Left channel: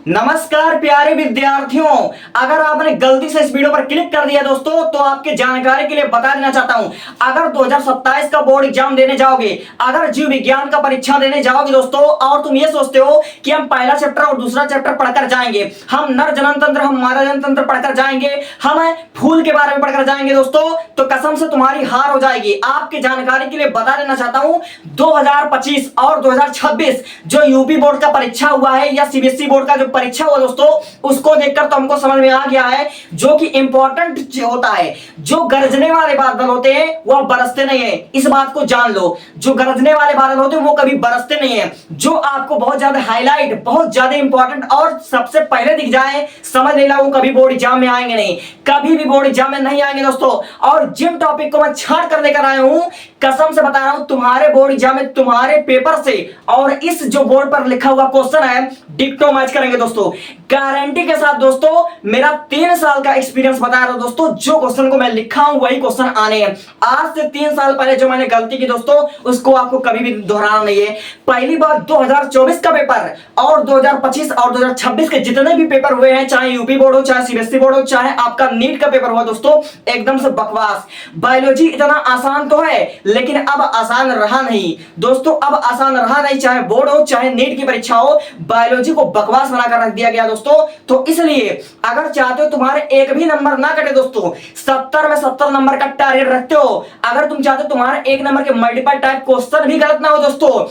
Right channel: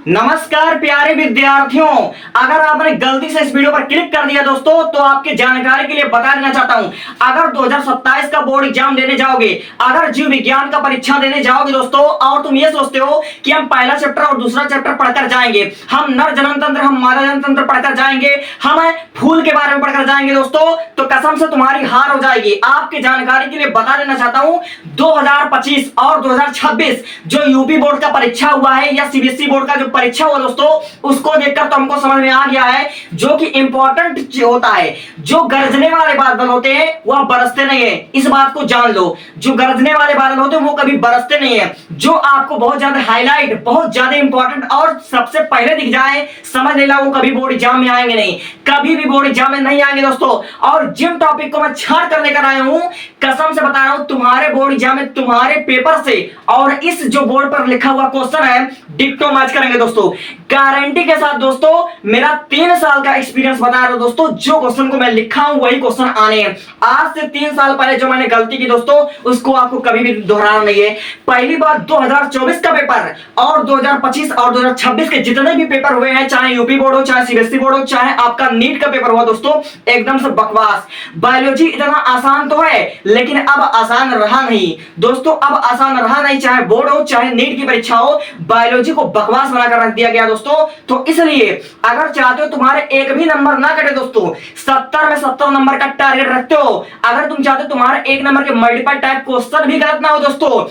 नमस्कार प्यारे विद्यार्थियों। अगर आपने गलती से इस वीडियो पर क्लिक कर दिया दोस्तों, तो आपकी जानकारी के लिए बता देना चाहता हूं, अगर 2027 का बोर्ड एग्जाम देने जाओगे, अगर जीव विज्ञान का परीक्षा देने जाओगे दोस्तों, और तुम ये सोचते हो कि हम पहला चैप्टर और दूसरा चैप्टर पढ़कर जाएंगे, हम नर जननतंत्र हम मादा जनतंत्र पढ़कर जाएंगे, हम फूल के बारे में पढ़कर जाएंगे दोस्तों, तो कसम से तुम्हारी हार हो जाएगी। आपकी जानकारी के लिए बता देना चाहता हूं, 2025 और 2026 जो यूपी बोर्ड का परीक्षा हुआ है या सीबीएसई बोर्ड का जो परीक्षा हुआ दोस्तों, उसको देखकर तो हमको समझ में आ गया है, जो कि इंपॉर्टेंट होता है, जो गरजने वाले बादल होते हैं वह बरसते नहीं है। इस बात को जान लो, जो गरजने वाले बादल होते हैं वो कभी बरसते नहीं है। जो आपको बहुत ज्यादा हाईलाइट, बहुत ज्यादा इंपॉर्टेंट और सबसे पहले दिख जाए, समझ लेना वो कभी बोर्ड एग्जाम में आएंगे नहीं, कभी भी बोर्ड एग्जाम में नहीं आएंगे दोस्तों। और जिन टॉपिक को मैं छाड़ कर लेकर आया हूं, कसम से बता रहा हूं, तुम्हारे बोर्ड एग्जाम में तुम्हारे पेपर से और इस जो बोर्ड पर लिखा हुआ क्वेश्चन है डिक्टो मैच करेंगे दोस्तों, गारंटी के साथ दोस्तों। मेरा 3 साल का एक्सपीरियंस बता रहा हूं दोस्तों, जो क्वेश्चन को मैं लिखा हूं वही क्वेश्चन आने हैं। आज से 3 साल पहले जो मैंने गलती की दोस्तों, उसको आपको कभी भी दोहराना नहीं है। पहली बार 2024 का पेपर और 2025 और 2026 के जितने भी पेपर हुए हैं, चाहे यूपी बोर्ड हो, चाहे सीबीएसई बोर्ड हो, चाहे आपका नीट का पेपर हुआ दोस्तों, एकदम से बकवास। बायोलॉजी इतना आसान तो है, लेकिन अब आसान रहा नहीं दोस्तों, अब आसान रहा नहीं। चाहे बोर्ड हो, चाहे नीट की परीक्षा हो, बायोलॉजी को बकवास बनाकर रख दिया गया दोस्तों। तो इसलिए अगर चाहते हो तुम्हारे एक भी नंबर ना कटे दोस्तों, 70 में 70 नंबर का टारगेट रखते हो, अगर तुम चाहते हो तुम्हारे एक नंबर के मल्टीपल टाइप क्वेश्चन भी गलत ना हो दोस्तों,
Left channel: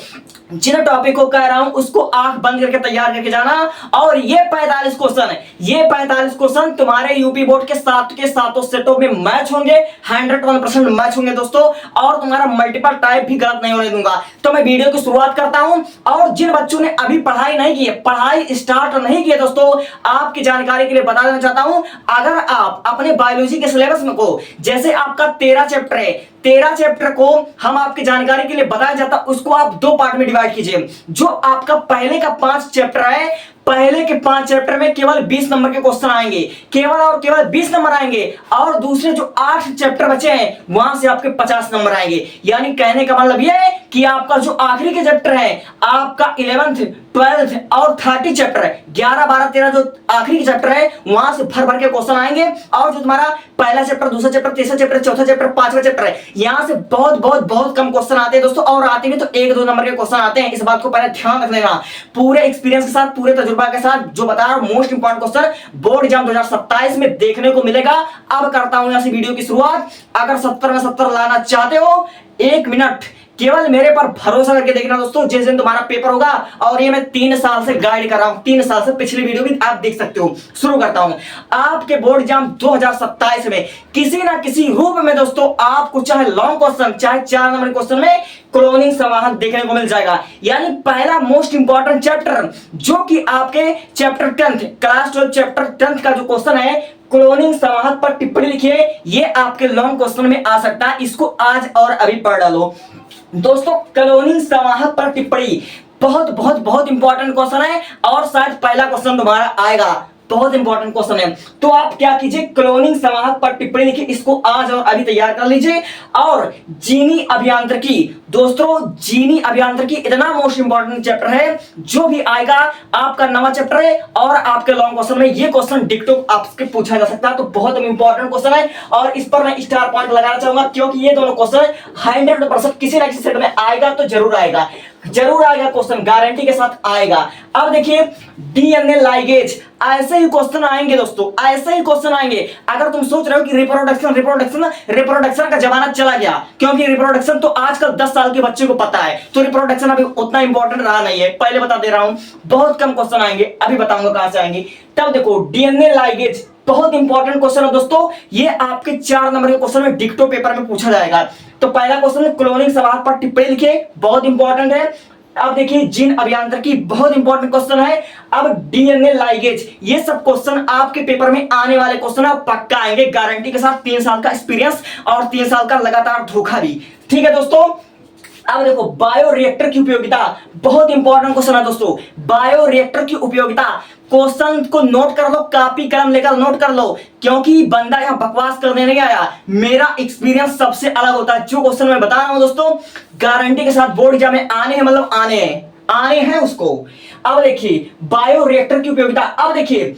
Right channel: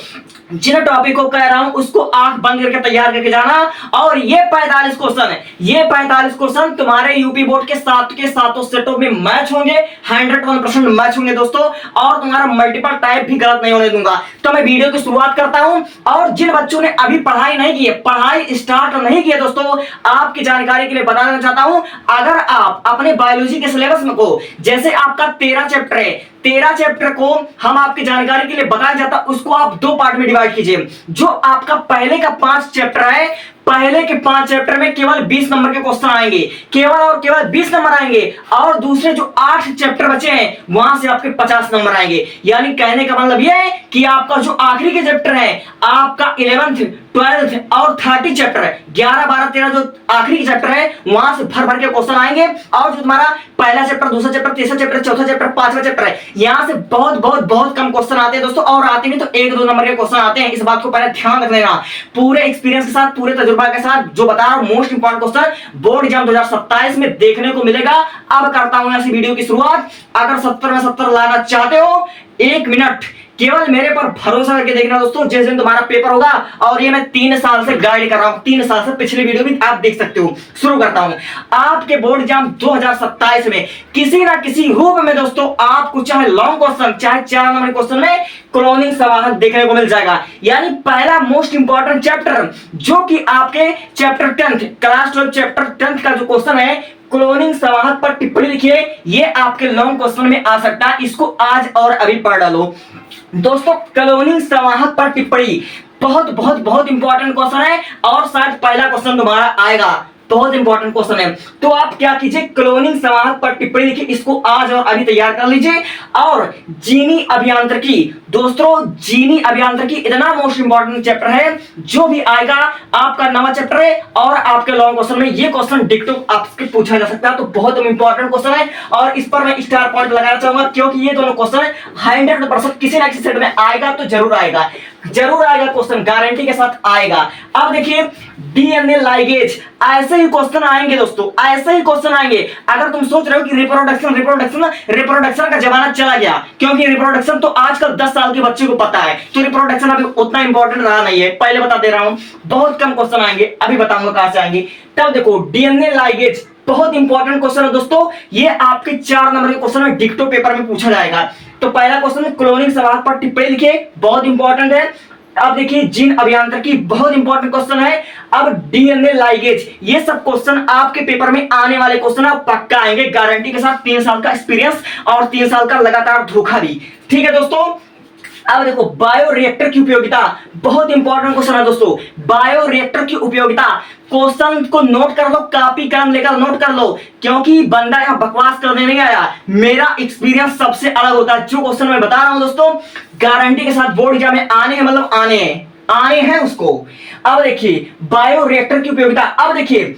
जिन टॉपिक को कह रहा हूं उसको आंख बंद करके तैयार करके जाना। और ये 45 क्वेश्चन, ये 45 क्वेश्चन तुम्हारे यूपी बोर्ड के साथ के सातों सेटों में मैच होंगे, 101% मैच होंगे दोस्तों, और तुम्हारा मल्टीपल टाइप भी गलत नहीं होने दूंगा। तो मैं वीडियो की शुरुआत करता हूं, और जिन बच्चों ने अभी पढ़ाई नहीं की है, पढ़ाई स्टार्ट नहीं की है दोस्तों, आपकी जानकारी के लिए बता देना चाहता हूं, अगर आप अपने बायोलॉजी के सिलेबस में को, जैसे आपका 13 चैप्टर है, 13 चैप्टर को हम आपकी जानकारी के लिए बताया जाता, उसको आप 2 पार्ट में डिवाइड कीजिए। जो आपका पहले का 5 चैप्टर है, पहले के 5 चैप्टर में केवल 20 नंबर के क्वेश्चन आएंगे, केवल और केवल 20 नंबर आएंगे, और दूसरे जो 8 चैप्टर बचे हैं वहां से आपके 50 नंबर आएंगे। यानी कहने का मतलब यह है कि आपका जो आखिरी के चैप्टर है, आपका 11th 12th और 30 चैप्टर है, 11 12 13 जो आखिरी के चैप्टर है, वहां से भर भर के क्वेश्चन आएंगे। और जो तुम्हारा पहला चैप्टर, दूसरा चैप्टर, तीसरा चैप्टर, चौथा चैप्टर, 5वां चैप्टर है, यहां से बहुत बहुत बहुत कम क्वेश्चन आते हैं दोस्तों, और आते हैं तो 1-2 नंबर के क्वेश्चन आते हैं। इस बात को पहले ध्यान रख लेना, पूरे एक्सपीरियंस के साथ, पूरे तजुर्बा के साथ जो बता रहा हूं, most important question board exam 2027 में देखने को मिलेगा। अब करता हूं यहां से वीडियो की शुरुआत। अगर 70 में 70 लाना चाहते हो, 1 मिनट केवल मेरे पर भरोसा करके देखना दोस्तों, जिस दिन तुम्हारा पेपर होगा। और ये मैं 3 साल से गाइड कर रहा हूं, 3 साल से, पिछली वीडियो भी आप देख सकते हो। शुरू करता हूं, आपके बोर्ड एग्जाम 2027 में किसी ना किसी रूप में दोस्तों, आपको चाहे लॉन्ग क्वेश्चन, चाहे 4 नंबर क्वेश्चन में क्लोनिंग संवाहन देखने को मिल जाएगा। यानी पहला मोस्ट इंपॉर्टेंट चैप्टर, जो कि आपके chapter 10th class 12 chapter 10th का जो क्वेश्चन है, क्लोनिंग संवाहक पर टिप्पणी लिखिए, ये आपके लॉन्ग क्वेश्चन में आ सकता है। इसको आज और अभी पढ़ डालो दोस्तों। क्लोनिंग संवाहक पर टिप्पणी बहुत बहुत बहुत इंपॉर्टेंट क्वेश्चन है, और शायद पहला क्वेश्चन तुम्हारा आएगा, बहुत इंपॉर्टेंट क्वेश्चन है। तो आप क्या कीजिए, क्लोनिंग संवाहक पर टिप्पणी लिखिए, इसको आज और अभी तैयार कर लीजिए। और जीनी अभियांत्रिकी दोस्तों, जीनी अभियांत्रिकी इतना मोस्ट इंपॉर्टेंट चैप्टर है, जो भी आएगा आपका नवा चैप्टर है, और आपके लॉन्ग क्वेश्चन में ये क्वेश्चन डिक्टो आपसे पूछा जा सकता है। तो बहुत इंपॉर्टेंट क्वेश्चन है, और इस पर मैं स्टार पॉइंट लगाना चाहूंगा, क्योंकि ये दोनों क्वेश्चन 100% किसी ना किसी सेट में आएगा, तो जरूर आएगा, जरूर आएगा क्वेश्चन, गारंटी के साथ आएगा। अब देखिए, डीएनए लाइगेज, ऐसे ही क्वेश्चन आएंगे दोस्तों, ऐसे ही क्वेश्चन आएंगे। अगर तुम सोच रहे हो कि रिप्रोडक्शन रिप्रोडक्शन रिप्रोडक्शन का जमाना चला गया, क्योंकि रिप्रोडक्शन तो आजकल 10 साल के बच्चे को पता है, तो रिप्रोडक्शन अभी उतना इंपॉर्टेंट रहा नहीं है। पहले बता दे रहा हूं, बहुत कम क्वेश्चन आएंगे, अभी बताऊंगा कहां से आएंगे। तब देखो, डीएनए लाइगेज बहुत इंपॉर्टेंट क्वेश्चन है दोस्तों, ये आपके 4 नंबर के क्वेश्चन में डिक्टो पेपर में पूछा जाएगा। तो पहला क्वेश्चन, क्लोनिंग संवाहक पर टिप्पणी लिखिए, बहुत इंपॉर्टेंट है। अब देखिए, जीन अभियांत्रिकी बहुत इंपॉर्टेंट क्वेश्चन है। अब डीएनए लाइगेज, ये सब क्वेश्चन आपके पेपर में आने वाले क्वेश्चन है, पक्का आएंगे गारंटी के साथ। 3 साल का एक्सपीरियंस और 3 साल का लगातार धोखा भी, ठीक है दोस्तों। अब देखो, बायोरिएक्टर की उपयोगिता बहुत इंपॉर्टेंट क्वेश्चन है दोस्तों। बायोरिएक्टर की उपयोगिता, क्वेश्चन को नोट कर लो, कॉपी कलम लेकर नोट कर लो, क्योंकि बंदा यहां बकवास करने नहीं आया। मेरा एक्सपीरियंस सबसे अलग होता है। जो क्वेश्चन मैं बता रहा हूं दोस्तों, गारंटी के साथ बोर्ड एग्जाम में आने हैं, मतलब आने हैं। आने हैं उसको। अब देखिए बायोरिएक्टर की उपयोगिता। अब देखिए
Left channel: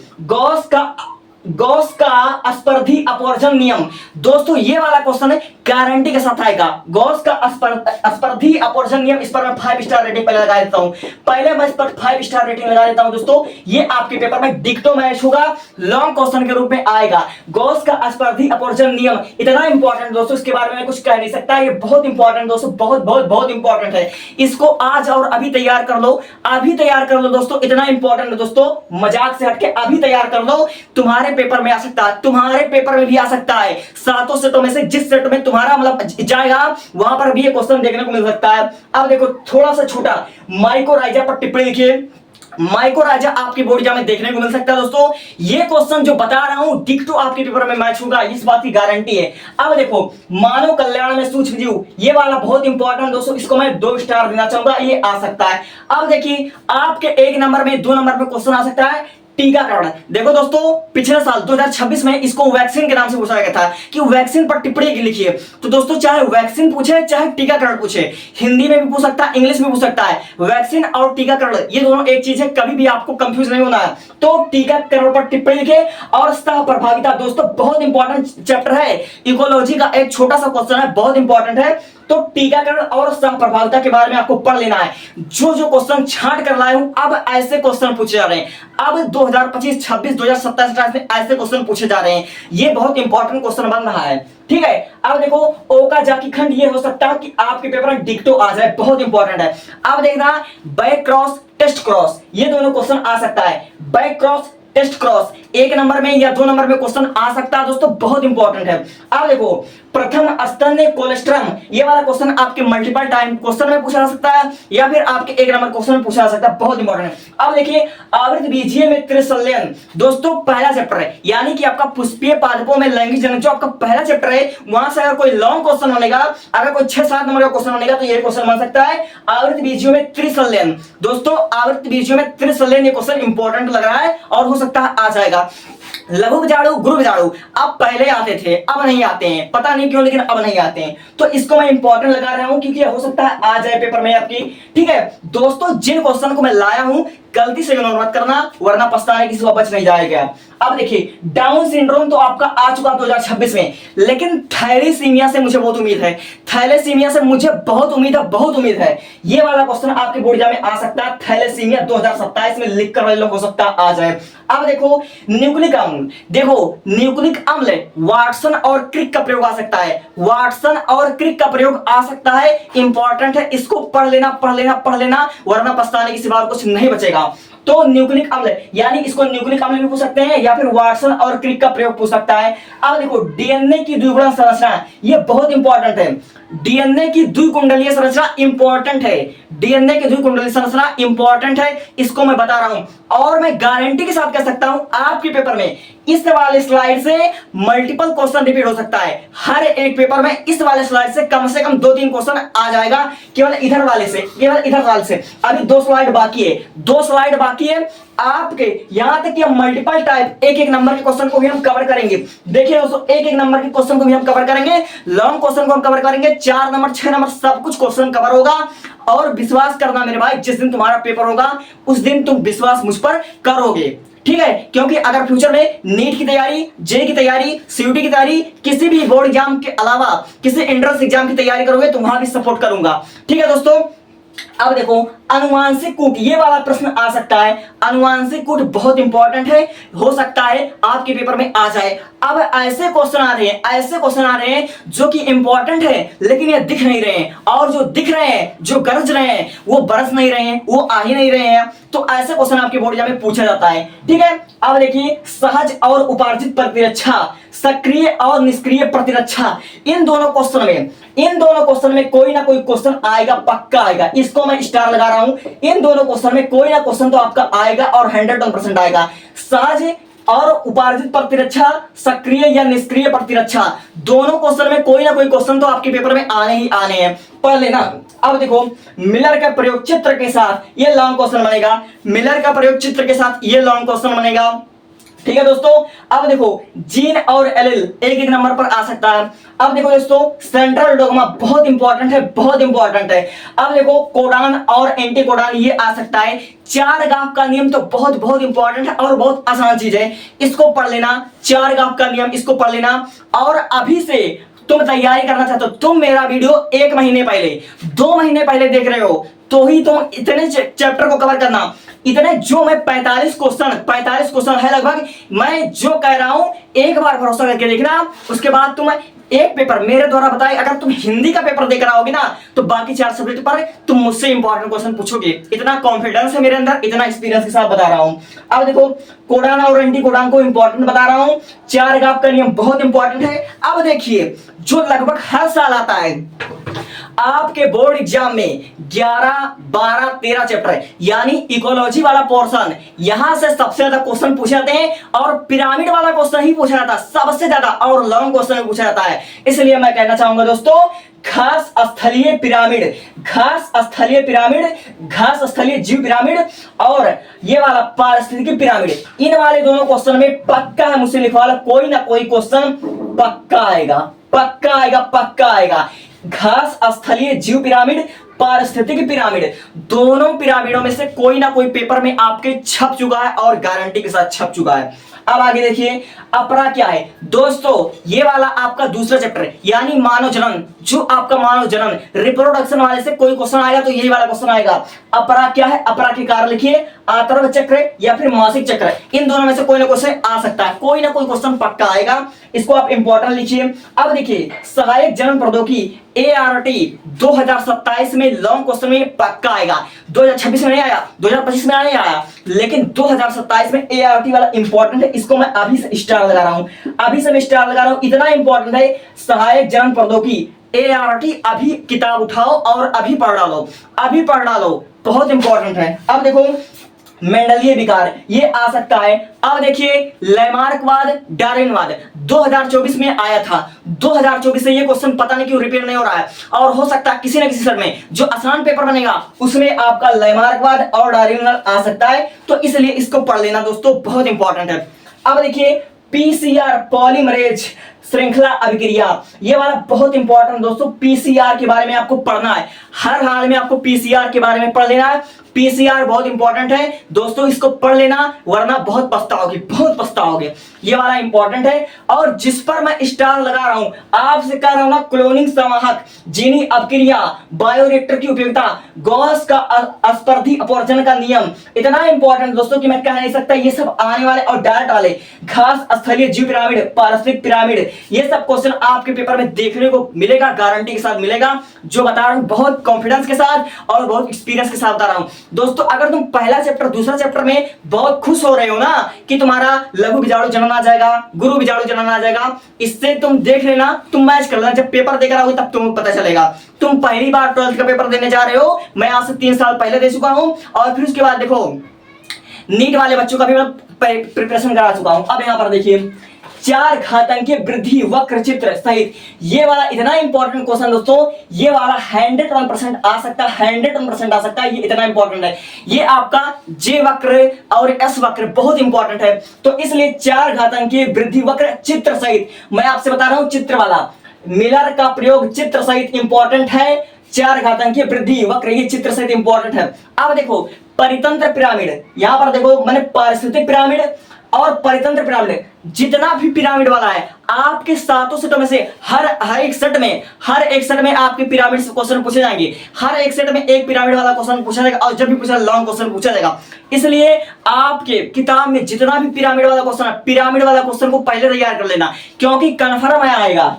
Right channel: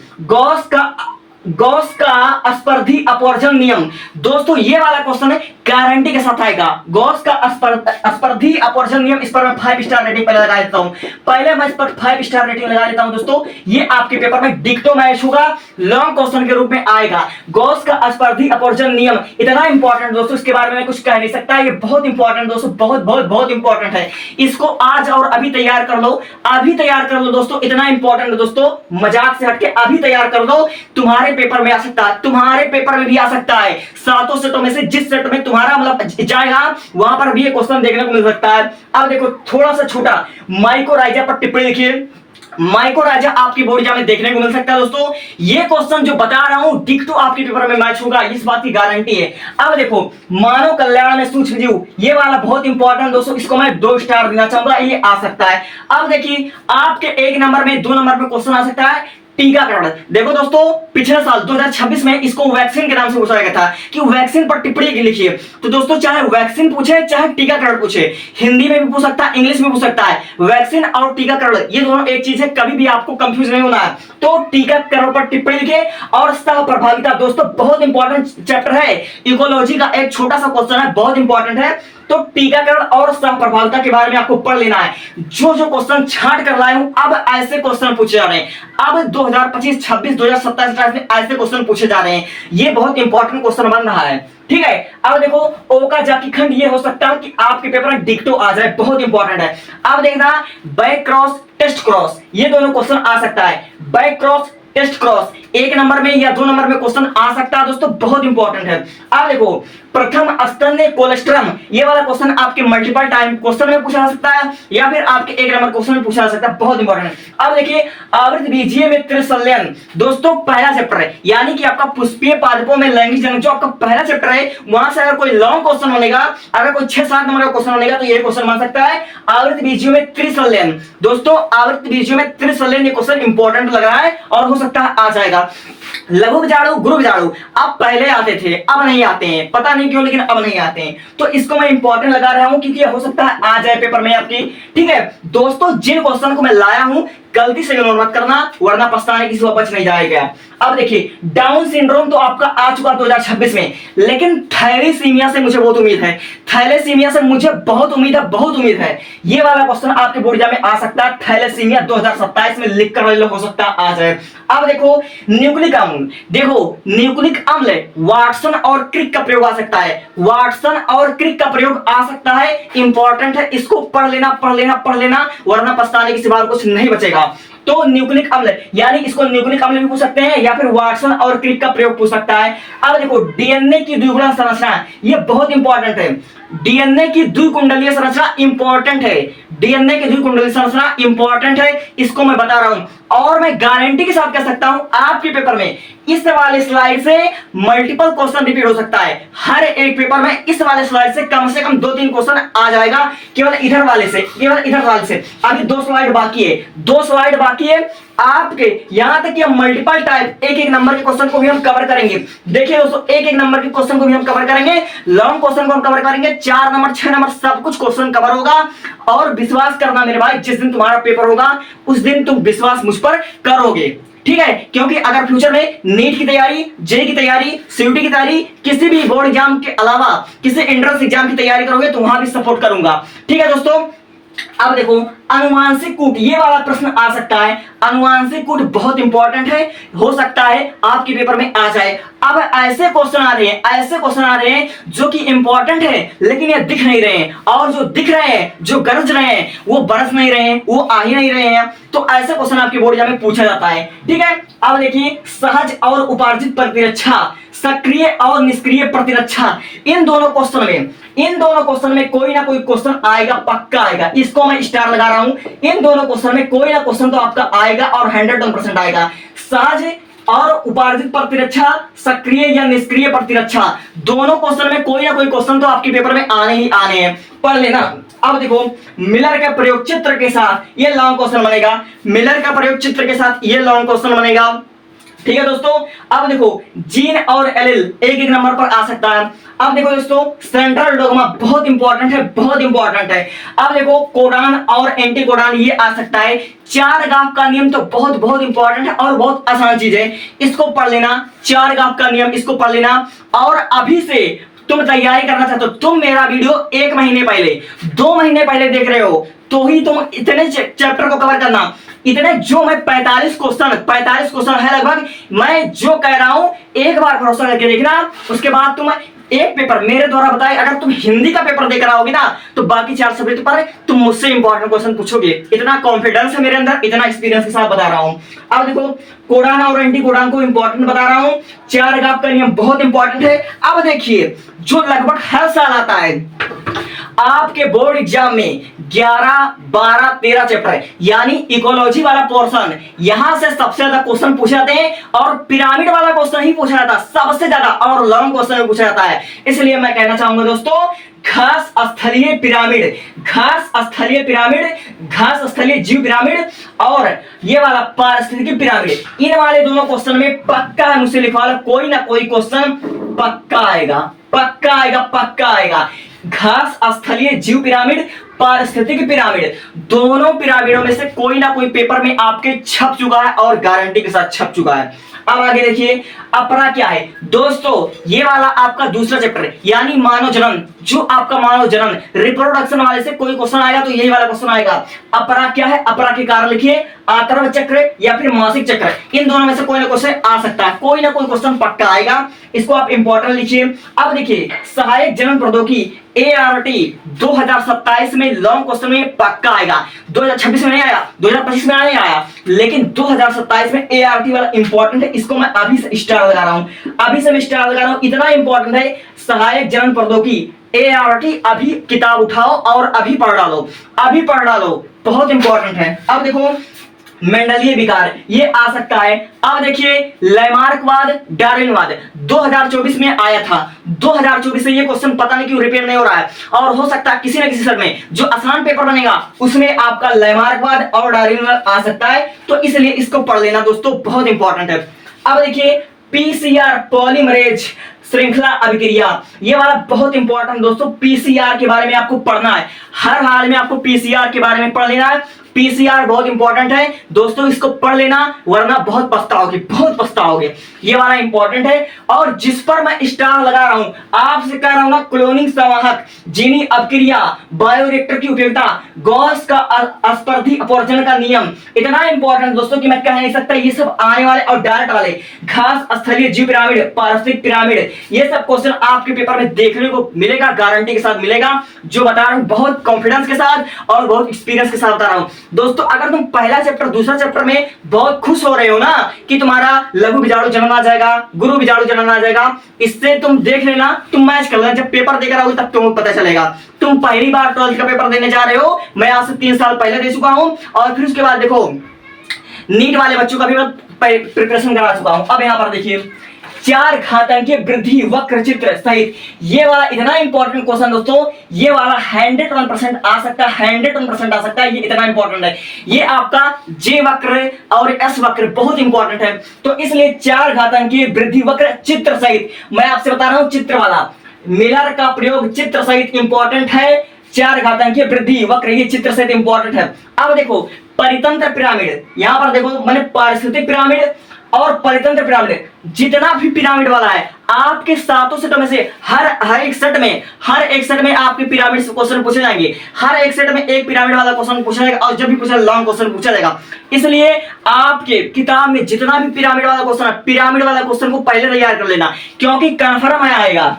गॉस का स्पर्धी अपवर्जन नियम। दोस्तों ये वाला क्वेश्चन है, गारंटी के साथ आएगा। गॉस का स्पर्धी अपवर्जन नियम, इस पर मैं 5 स्टार रेटिंग पहले लगा देता हूं। पहले मैं इस पर 5 स्टार रेटिंग लगा देता हूं दोस्तों। ये आपके पेपर में डिक्टो मैच होगा, लॉन्ग क्वेश्चन के रूप में आएगा। गॉस का स्पर्धी अपवर्जन नियम इतना इंपॉर्टेंट दोस्तों, इसके बारे में मैं कुछ कह नहीं सकता। ये बहुत इंपॉर्टेंट दोस्तों, बहुत बहुत बहुत इंपॉर्टेंट है। इसको आज और अभी तैयार कर लो, अभी तैयार कर लो दोस्तों। इतना इंपॉर्टेंट है दोस्तों, मजाक से हटके अभी तैयार कर लो। तुम्हारे पेपर में आ सकता है, तुम्हारे पेपर में भी आ सकता है। 7 सेटों में से जिस सेट में तुम्हारा मतलब जाएगा वहां पर भी ये क्वेश्चन देखने को मिल सकता है। अब देखो थोड़ा सा छोटा, माइकोराइजा पर टिप्पणी लिखिए। माइकोराइजा आपकी बोर्ड एग्जाम में देखने को मिल सकता है दोस्तों। ये क्वेश्चन जो बता रहा हूं डिक्टो आपके पेपर में मैच होगा, इस बात की गारंटी है। अब देखो मानव कल्याण में सूक्ष्म जीव, ये वाला बहुत इंपॉर्टेंट दोस्तों, इसको मैं 2 स्टार देना चाहूंगा, ये आ सकता है। अब देखिए आपके 1 नंबर में 2 नंबर में क्वेश्चन आ सकता है टीकाकरण। देखो दोस्तों पिछले साल 2026 में इसको वैक्सीन के नाम से पूछा गया था कि वैक्सीन पर टिप्पणी लिखिए। तो दोस्तों चाहे वैक्सीन पूछे चाहे टीकाकरण पूछे, हिंदी में भी पूछ सकता है, इंग्लिश में पूछ सकता है। वैक्सीन और टीकाकरण ये दोनों एक चीज है, कभी भी आपको कंफ्यूज नहीं होना है। तो टीकाकरण पर टिप्पणी लिखे। और सह प्रभाविता दोस्तों बहुत इंपॉर्टेंट चैप्टर है, इकोलॉजी का एक छोटा सा क्वेश्चन है, बहुत इंपॉर्टेंट है। तो टीकाकरण और सह प्रभाविता के बारे में आपको पढ़ लेना है। जो जो क्वेश्चन छांट कर लाए हूं, अब ऐसे क्वेश्चन पूछे जा रहे हैं। अब 2025, 26, 2027, 28 में ऐसे क्वेश्चन पूछे जा रहे हैं। ये बहुत इंपॉर्टेंट क्वेश्चन बन रहा है, ठीक है। अब देखो ओकाजाकी खंड, ये हो सकता है कि आपके पेपर में डिक्टो आ जाए, बहुत इंपॉर्टेंट है। अब देखना बैक क्रॉस टेस्ट क्रॉस, ये दोनों क्वेश्चन आ सकता है। Back cross test cross 1 number में या 2 नंबर में क्वेश्चन आ सकता है दोस्तों, बहुत इंपॉर्टेंट है। अब देखो प्रथम स्तन्य कोलेस्ट्रम, ये वाला क्वेश्चन आपके मल्टीपल टाइम क्वेश्चन में पूछा जा सकता है या फिर आपके 1 नंबर क्वेश्चन में पूछा जा सकता है, बहुत इंपॉर्टेंट है। अब देखिए आवृत बीजीय में त्रिसंलयन, दोस्तों पहला चैप्टर है, यानी कि आपका पुष्पीय पादपों में लैंगिक जनन जो आपका पहला चैप्टर है, वहां से अगर कोई लॉन्ग क्वेश्चन बनेगा, अगर कोई 6-7 नंबर का क्वेश्चन बनेगा तो ये क्वेश्चन बन सकता है आवृत बीजीय में त्रिसंलयन। दोस्तों आवृत बीजीय में त्रिसंलयन ये क्वेश्चन इंपॉर्टेंट लग रहा है और हो सकता है आ जाएगा। लघु बीजाणु गुरु बीजाणु अब पहले आते थे, अब नहीं आते हैं, पता नहीं क्यों लेकिन अब नहीं आते हैं। तो इसको मैं इंपॉर्टेंट लगा रहा हूं क्योंकि हो सकता है आ जाए पेपर में आपकी, ठीक है दोस्तों। जिन क्वेश्चन को मैं लाया हूं गलती से इग्नोर मत करना, वरना पछताने किसी को बच नहीं जाएगा। अब देखिए डाउन सिंड्रोम तो आपका आ चुका 2026 में, लेकिन थैलेसीमिया से मुझे बहुत उम्मीद है, थैलेसीमिया से मुझे बहुत उम्मीद है, बहुत उम्मीद है। ये वाला क्वेश्चन आपके बोर्ड एग्जाम में आ सकता है, थैलेसीमिया 2027 में लिख कर हो सकता है आ जाए। अब देखो न्यूक्लिक अम्ल, देखो न्यूक्लिक अम्ल वाटसन और क्रिक का प्रयोग आ सकता है, वाटसन और क्रिक का प्रयोग आ सकता है, इंपॉर्टेंट है, इसको पढ़ लेना पढ़ लेना पढ़ लेना, वरना पछताने के सिवा कुछ नहीं बचेगा। तो न्यूक्लिक अम्ल यानी इसको न्यूक्लिक अम्ल भी पूछ सकते हैं या फिर वाटसन और क्रिक का प्रयोग पूछ सकता है। अब देखो डीएनए की द्विगुणन संरचना, ये बहुत इंपॉर्टेंट है। डीएनए की द्विकुंडलीय संरचना इंपॉर्टेंट है, डीएनए की द्विकुंडलीय संरचना इंपॉर्टेंट है, इसको मैं बता रहा हूं। और मैं गारंटी के साथ कह सकता हूं आपके पेपर में इस वाले स्लाइड से मल्टीपल क्वेश्चन रिपीट हो सकता है। हर एक पेपर में इस वाले स्लाइड से कम 2-3 क्वेश्चन आ जाएगा, केवल इधर वाले से, केवल इधर वाले से। अभी 2 स्लाइड बाकी है, 2 स्लाइड बाकी है आपके, यहां तक कि हम मल्टीपल टाइप 1-1 नंबर के क्वेश्चन को भी हम कवर करेंगे। देखिए दोस्तों 1-1 नंबर के क्वेश्चन को भी हम कवर करेंगे, लॉन्ग क्वेश्चन को हम कवर करेंगे, 4 नंबर 6 नंबर सब कुछ क्वेश्चन कवर होगा। और विश्वास करना मेरे भाई, जिस दिन तुम्हारा पेपर होगा उस दिन तुम विश्वास मुझ पर करोगे, ठीक है। क्योंकि अगर फ्यूचर में नीट की तैयारी, जेई की तैयारी, सीयूटी की तैयारी, किसी भी बोर्ड एग्जाम के अलावा किसी एंट्रेंस एग्जाम की तैयारी करोगे तो वहां भी सपोर्ट करूंगा, ठीक है दोस्तों। अब देखो अनुवांशिक कूट, ये वाला प्रश्न आ सकता है, अनुवांशिक कूट बहुत इंपॉर्टेंट है, हो सकता है आपके पेपर में आ जाए। अब ऐसे क्वेश्चन आ रहे हैं, ऐसे क्वेश्चन आ रहे हैं जो कि इंपॉर्टेंट है लेकिन ये दिख नहीं रहे हैं, और जो दिख रहे हैं, जो गरज रहे हैं, वो बरस नहीं रहे हैं, वो आ ही नहीं रहे हैं। तो ऐसे क्वेश्चन आपके बोर्ड एग्जाम में पूछा जाता है, ठीक है। अब देखिए सहज और उपार्जित प्रतिरक्षा, सक्रिय और निष्क्रिय प्रतिरक्षा, इन दोनों क्वेश्चन में कोई ना कोई क्वेश्चन आएगा, पक्का आएगा, इसको मैं स्टार लगा रहा हूं। इन दोनों क्वेश्चन में कोई ना क्वेश्चन तो आपका आएगा और 100% आएगा। सहज और उपार्जित प्रतिरक्षा, सक्रिय या निष्क्रिय प्रतिरक्षा, दोनों क्वेश्चन में कोई ना कोई क्वेश्चन तो आपके पेपर में आने ही आने हैं, पढ़ लेना। अब देखो मिलर का प्रयोग चित्र के साथ ये लॉन्ग क्वेश्चन बनेगा, मिलर का प्रयोग चित्र के साथ ये लॉन्ग क्वेश्चन बनेगा। ठीक है दोस्तों। अब देखो जीन और एलिल एक एक नंबर पर आ सकता है। अब देखो दोस्तों सेंट्रल डोग्मा बहुत इंपॉर्टेंट है, बहुत इंपॉर्टेंट है। अब देखो कोडान और एंटी कोडान ये आ सकता है। चार गाफ का नियम तो बहुत बहुत इंपॉर्टेंट है और बहुत आसान चीज है, इसको पढ़ लेना। चार गाफ का नियम इसको पढ़ लेना। और अभी से तुम तैयारी करना चाहते हो, तुम मेरा वीडियो 1 महीने पहले 2 महीने पहले देख रहे हो, तो ही तुम इतने चैप्टर को कवर करना। इतने जो मैं 45 क्वेश्चन है लगभग, मैं जो कह रहा हूं एक बार भरोसा करके देखना। उसके बाद तुम एक पेपर मेरे द्वारा बताए, अगर तुम हिंदी का पेपर देकर आओगे ना तो बाकी 4 सब्जेक्ट पर तुम मुझसे इंपॉर्टेंट क्वेश्चन पूछोगे। इतना कॉन्फिडेंस है मेरे अंदर, इतना एक्सपीरियंस के साथ बता रहा हूं। अब देखो कोडान और एंटी कोडान को इंपॉर्टेंट बता रहा हूं। चार गाफ का नियम बहुत इंपॉर्टेंट है। अब देखिए जो लगभग हर साल आता है आपके बोर्ड एग्जाम में 11, 12, 13 चैप्टर, यानी इकोलॉजी वाला पोर्शन, यहां से सबसे ज्यादा क्वेश्चन पूछे जाते हैं और पिरामिड वाला क्वेश्चन ही पूछा जाता है सबसे ज्यादा, और लॉन्ग क्वेश्चन भी पूछा जाता है। इसलिए मैं कहना चाहूंगा दोस्तों, घास स्थलीय पिरामिड, घास स्थलीय पिरामिड, घास स्थलीय जीव पिरामिड और ये वाला पारिस्थितिकी पिरामिड, इन वाले दोनों क्वेश्चन में पक्का है, मुझसे लिखवा लो, कोई ना कोई क्वेश्चन पक्का आएगा, पक्का आएगा, पक्का आएगा। घास स्थलीय जीव पिरामिड, पारिस्थितिकी पिरामिड, दोनों पिरामिडों में से कोई ना कोई पेपर में आपके छप चुका है और गारंटी के साथ छप चुका है। अब आगे देखिए अपरा क्या है दोस्तों, ये वाला आपका दूसरा चैप्टर यानी मानव जनन, जो आपका मानव जनन रिप्रोडक्शन वाले से कोई क्वेश्चन आएगा तो यही वाला क्वेश्चन आएगा। अपरा क्या है, अपरा के कारण लिखिए, आतर्व चक्र या फिर मासिक चक्र, इन दोनों में से कोई ना क्वेश्चन आ सकता है, कोई ना कोई क्वेश्चन पक्का आएगा, इसको आप इंपॉर्टेंट लिखिए। अब देखिए सहायक जनन प्रौद्योगिकी ART 2027 में लॉन्ग क्वेश्चन में पक्का आएगा। 2026 में नहीं आया, 2025 में नहीं आया, लेकिन 2027 में ART वाला इंपॉर्टेंट है, इसको मैं अभी से स्टार लगा रहा हूं, अभी से मैं स्टार लगा रहा हूं, इतना इंपॉर्टेंट है। सहायक जनन प्रौद्योगिकी ART अभी किताब उठाओ और अभी पढ़ डालो, अभी पढ़ डालो, बहुत इंपॉर्टेंट है। अब देखो मेंडलीय विकार ये आ सकता है। अब देखिए लैमार्कवाद, डार्विनवाद 2024 में आया था, 2024 से ये क्वेश्चन पता नहीं क्यों रिपीट नहीं हो रहा है, और हो सकता है किसी न किसी सर में जो आसान पेपर बनेगा उसमें आपका लैमार्कवाद और डार्विनवाद आ सकता है, तो इसलिए इसको पढ़ लेना दोस्तों, बहुत इंपॉर्टेंट है। अब देखिए PCR पॉलीमरेज श्रृंखला अभिक्रिया, ये वाला बहुत इंपॉर्टेंट दोस्तों, PCR के बारे में आपको पढ़ना है, हर हाल में आपको PCR के बारे में पढ़ लेना है। PCR बहुत इंपॉर्टेंट है दोस्तों, इसको पढ़ लेना वरना बहुत पछताओगे, बहुत पछताओगे, ये वाला इंपॉर्टेंट है। और जिस पर मैं स्टार लगा रहा हूं, आपसे कह रहा हूं ना, क्लोनिंग संवाहक, जीनी अपक्रिया, बायोरिएक्टर की उपयोगिता, गॉस का अस्पर्धी अपवर्जन का नियम, इतना इंपॉर्टेंट दोस्तों कि मैं कह नहीं सकता, ये सब आने वाले और डायरेक्ट वाले। घास स्थलीय जीव पिरामिड, पारिस्थितिक पिरामिड, ये सब क्वेश्चन आपके पेपर में देखने को मिलेगा, गारंटी के साथ मिलेगा, जो बता रहा हूं बहुत कॉन्फिडेंस के साथ और बहुत एक्सपीरियंस के साथ बता रहा हूं दोस्तों। अगर तुम पहला चैप्टर दूसरा चैप्टर में बहुत खुश हो रहे हो ना कि तुम्हारा लघु बीजाणु जनन आ जाएगा, गुरु बीजाणु जनन आ जाएगा, इससे तुम देख लेना, तुम मैच कर लेना, जब पेपर देकर आओगे तब तुम्हें पता चलेगा। तुम पहली बार 12th का पेपर देने जा रहे हो, मैं आज से 3 साल पहले दे चुका हूं, और फिर उसके बाद देखो नीट वाले बच्चों का भी मैं प्रिपरेशन करा चुका हूं। अब यहां पर देखिए चार घातांकीय वृद्धि वक्र चित्र सहित, ये वाला इतना इंपॉर्टेंट क्वेश्चन दोस्तों, ये वाला 101% आ सकता है, 101% आ सकता है, ये इतना इंपॉर्टेंट है। ये आपका J वक्र और S वक्र बहुत इंपॉर्टेंट है, तो इसलिए चार घातांकीय वृद्धि वक्र चित्र सहित, मैं आपसे बता रहा हूं चित्र वाला, मिलर का प्रयोग चित्र सहित इंपॉर्टेंट है। चार घातांकीय वृद्धि वक्र ये चित्र सहित इंपॉर्टेंट है। अब देखो परितंत्र पिरामिड, यहां पर देखो मैंने पारिस्थितिक पिरामिड और परितंत्र पिरामिड, जितना भी पिरामिड वाला है आपके सातों सेटों में से हर एक सेट में आपके पिरामिड से क्वेश्चन पूछे जाएंगे, हर एक सेट में एक पिरामिड वाला क्वेश्चन पूछा जाएगा, और जब भी पूछा लॉन्ग क्वेश्चन पूछा जाएगा। इसलिए आपके किताब में जितना भी पिरामिड वाला क्वेश्चन है, पिरामिड वाला क्वेश्चन को पहले तैयार कर लेना, क्योंकि कन्फर्म आएगा।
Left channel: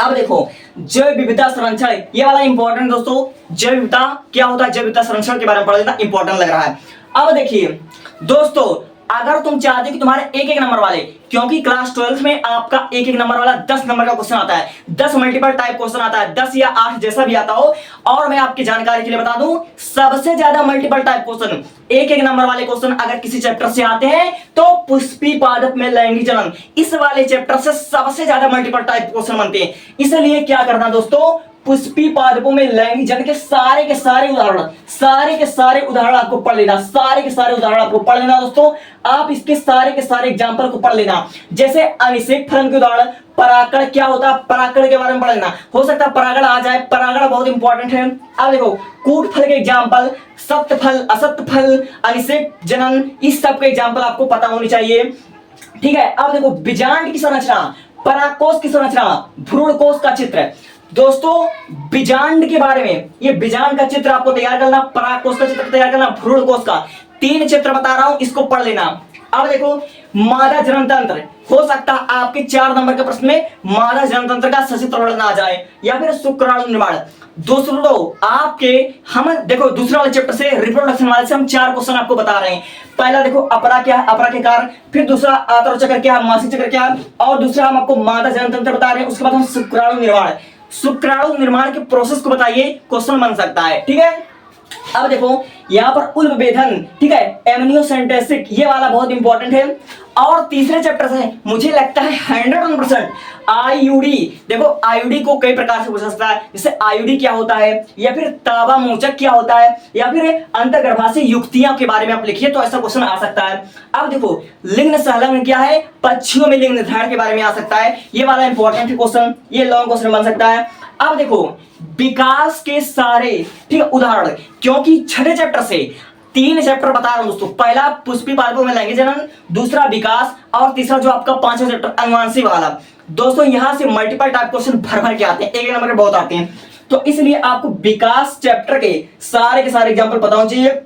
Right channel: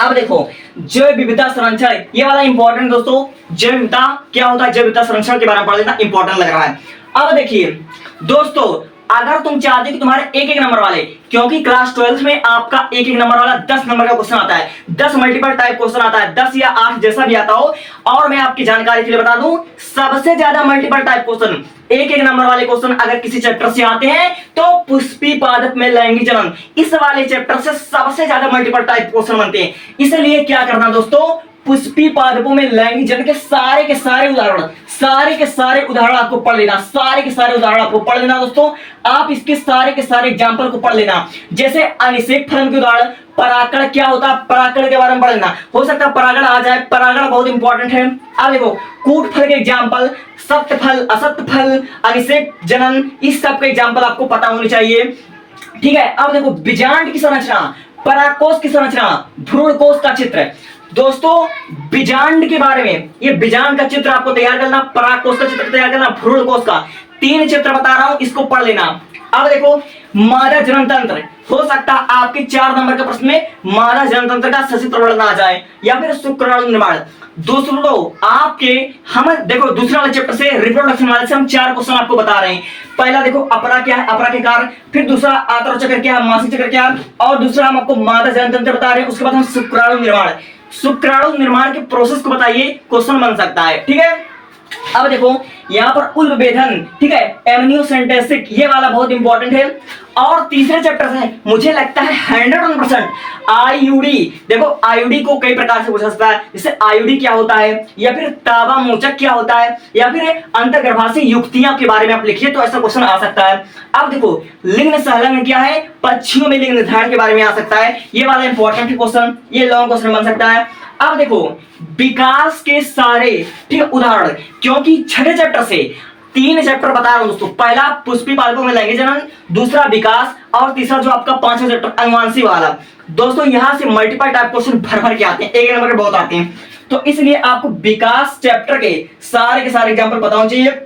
अब देखो जैव विविधता संरक्षण, ये वाला इंपॉर्टेंट दोस्तों, जैव विविधता क्या होता है, जैव विविधता संरक्षण के बारे में पढ़ लेना, इंपॉर्टेंट लग रहा है। अब देखिए दोस्तों अगर तुम चाहते हो कि तुम्हारे एक नंबर वाले, क्योंकि क्लास 12 में आपका एक नंबर वाला 10 नंबर का क्वेश्चन आता है, 10 मल्टीपल टाइप क्वेश्चन आता है, 10 या 8 जैसा भी आता हो, और मैं आपकी जानकारी के लिए बता दूं सबसे ज्यादा मल्टीपल टाइप क्वेश्चन, एक नंबर वाले क्वेश्चन अगर किसी चैप्टर से आते हैं तो पुष्पी पादप में लैंगिक जनन, इस वाले चैप्टर से सबसे ज्यादा मल्टीपल टाइप क्वेश्चन बनते हैं। इसलिए क्या करना दोस्तों, पुष्पी पादपों में लैंगिक जन्म के सारे के सारे उदाहरण आपको पढ़ लेना, सारे के सारे उदाहरण आपको पढ़ लेना दोस्तों। आप इसके सारे के सारे एग्जाम्पल को पढ़ लेना। जैसे अनिषेक फलन के उदाहरण, परागण क्या होता है, परागण के बारे में पढ़ लेना। हो सकता है परागण आ जाए, परागण बहुत इंपॉर्टेंट है। अब देखो कूट फल के एग्जाम्पल, सत्य फल, असत्य फल, अनिषेक जनन, इस सब के एग्जाम्पल आपको पता होने चाहिए। ठीक है, अब देखो बीजांड की संरचना, परागकोश की संरचना, भ्रूणकोश का चित्र। दोस्तों बीजांड के बारे में, ये बीजांड का चित्र आपको तैयार करना, परागकोश का चित्र तैयार करना, भ्रूणकोश का, 3 चित्र बता रहा हूं, इसको पढ़ लेना। अब देखो मादा जनन तंत्र, हो सकता है आपके 4 नंबर के प्रश्न में मादा जनन तंत्र का सचित्र वर्णन आ जाए, या फिर शुक्राणु निर्माण। दोस्तों आपके हम देखो दूसरा वाले चैप्टर से रिप्रोडक्शन वाले से हम 4 क्वेश्चन आपको बता रहे हैं। पहला देखो अपरा क्या है, अपरा के कारण, फिर दूसरा आंतरिक चक्र क्या है, मासिक चक्र क्या है, और दूसरा हम आपको मादा जनन तंत्र बता रहे हैं। उसके बाद हम शुक्राणु निर्माण, शुक्राणु निर्माण के प्रोसेस को बताइए, क्वेश्चन बन सकता है। ठीक है, अब देखो यहाँ पर उल्बेधन, ठीक है, एमनियोसेंटेसिस, ये वाला बहुत इंपॉर्टेंट है। और तीसरे चैप्टर से मुझे लगता है 100% आईयूडी। देखो आईयूडी को कई प्रकार से पूछा सकता है, जैसे आईयूडी क्या होता है, या फिर ताबा मोचक क्या होता है, या फिर अंतर्गर्भाशय युक्तियां के बारे में आप लिखिए तो ऐसा क्वेश्चन आ सकता है। अब देखो लिंग सहलंग क्या है, पक्षियों में लिंग निर्धारण के बारे में आ सकता है, ये वाला इंपॉर्टेंट क्वेश्चन, ये लॉन्ग क्वेश्चन बन सकता है। अब देखो विकास के सारे, ठीक है, उदाहरण, क्योंकि छठे चैप्टर से 3 चैप्टर बता रहा हूं दोस्तों। पहला पुष्पी पादपों में लैंगिक जनन, दूसरा विकास, और तीसरा जो आपका 5वां चैप्टर अनुवांशिक वाला। दोस्तों यहां से मल्टीपल टाइप क्वेश्चन भर भर के आते हैं, एक नंबर के बहुत आते हैं, तो इसलिए आपको विकास चैप्टर के सारे एग्जाम्पल पता होना चाहिए।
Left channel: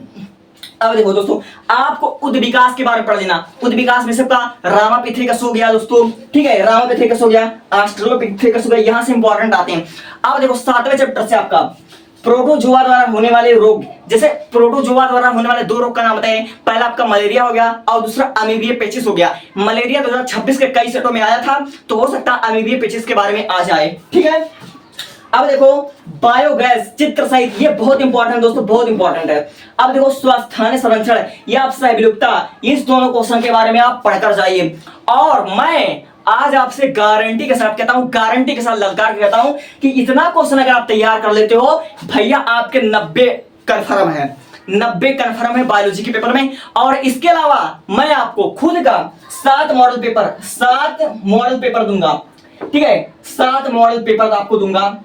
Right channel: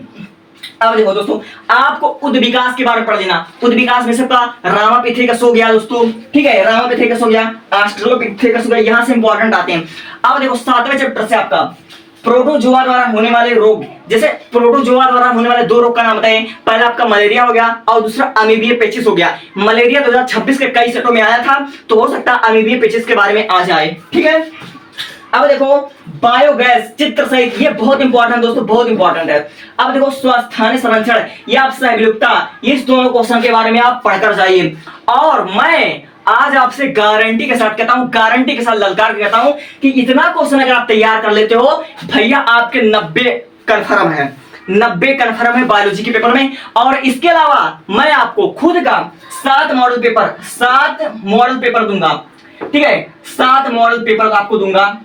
अब देखो दोस्तों आपको उद्विकास के बारे में पढ़ लेना। उद्विकास में सबका रामापिथेकस हो गया दोस्तों, ठीक है, रामापिथेकस हो गया, ऑस्ट्रेलोपिथेकस हो गया, यहां से इंपॉर्टेंट आते हैं। अब देखो 7वें चैप्टर से आपका प्रोटोजोआ द्वारा होने वाले रोग, जैसे प्रोटोजोआ द्वारा होने वाले 2 रोग का नाम बताएं। पहला आपका मलेरिया हो गया, और दूसरा अमीबिया पेचिस हो गया। मलेरिया 2026 के कई सेटों में आया था, तो हो सकता है अमीबिया पेचिस के बारे में आ जाए। ठीक है, अब देखो बायोगैस चित्र सहित, ये बहुत इंपॉर्टेंट दोस्तों, बहुत इंपॉर्टेंट है। अब देखो स्वस्थानीय संरक्षण या सहविलुप्तता, इस दोनों क्वेश्चन के बारे में आप पढ़कर जाइए। और मैं आज आपसे गारंटी के साथ कहता हूं, गारंटी के साथ ललकार के कहता हूं कि इतना क्वेश्चन अगर आप तैयार कर लेते हो भैया, आपके 90 कन्फर्म है, 90 कन्फर्म है बायोलॉजी के पेपर में। और इसके अलावा मैं आपको खुद का 7 मॉडल पेपर दूंगा। ठीक है, 7 मॉडल पेपर आपको दूंगा।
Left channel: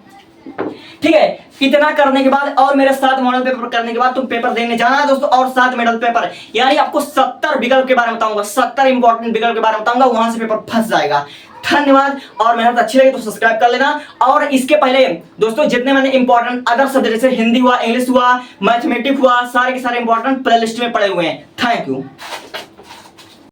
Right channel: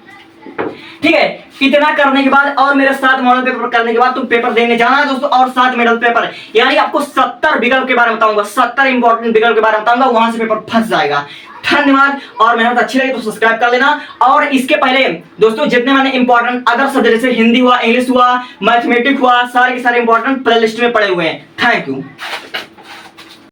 ठीक है, इतना करने के बाद और मेरे 7 मॉडल पेपर करने के बाद तुम पेपर देने जाना है दोस्तों, और 7 मॉडल पेपर, यानी आपको 70 विकल्प के बारे में बताऊंगा, 70 इंपॉर्टेंट विकल्प के बारे में बताऊंगा, वहां से पेपर फंस जाएगा। धन्यवाद, और मेहनत अच्छी लगी तो सब्सक्राइब कर लेना। और इसके पहले दोस्तों जितने मैंने इंपॉर्टेंट अदर सब्जेक्ट जैसे हिंदी हुआ, इंग्लिश हुआ, मैथमेटिक्स हुआ, सारे के सारे इंपॉर्टेंट प्ले लिस्ट में पड़े हुए हैं। Thank you.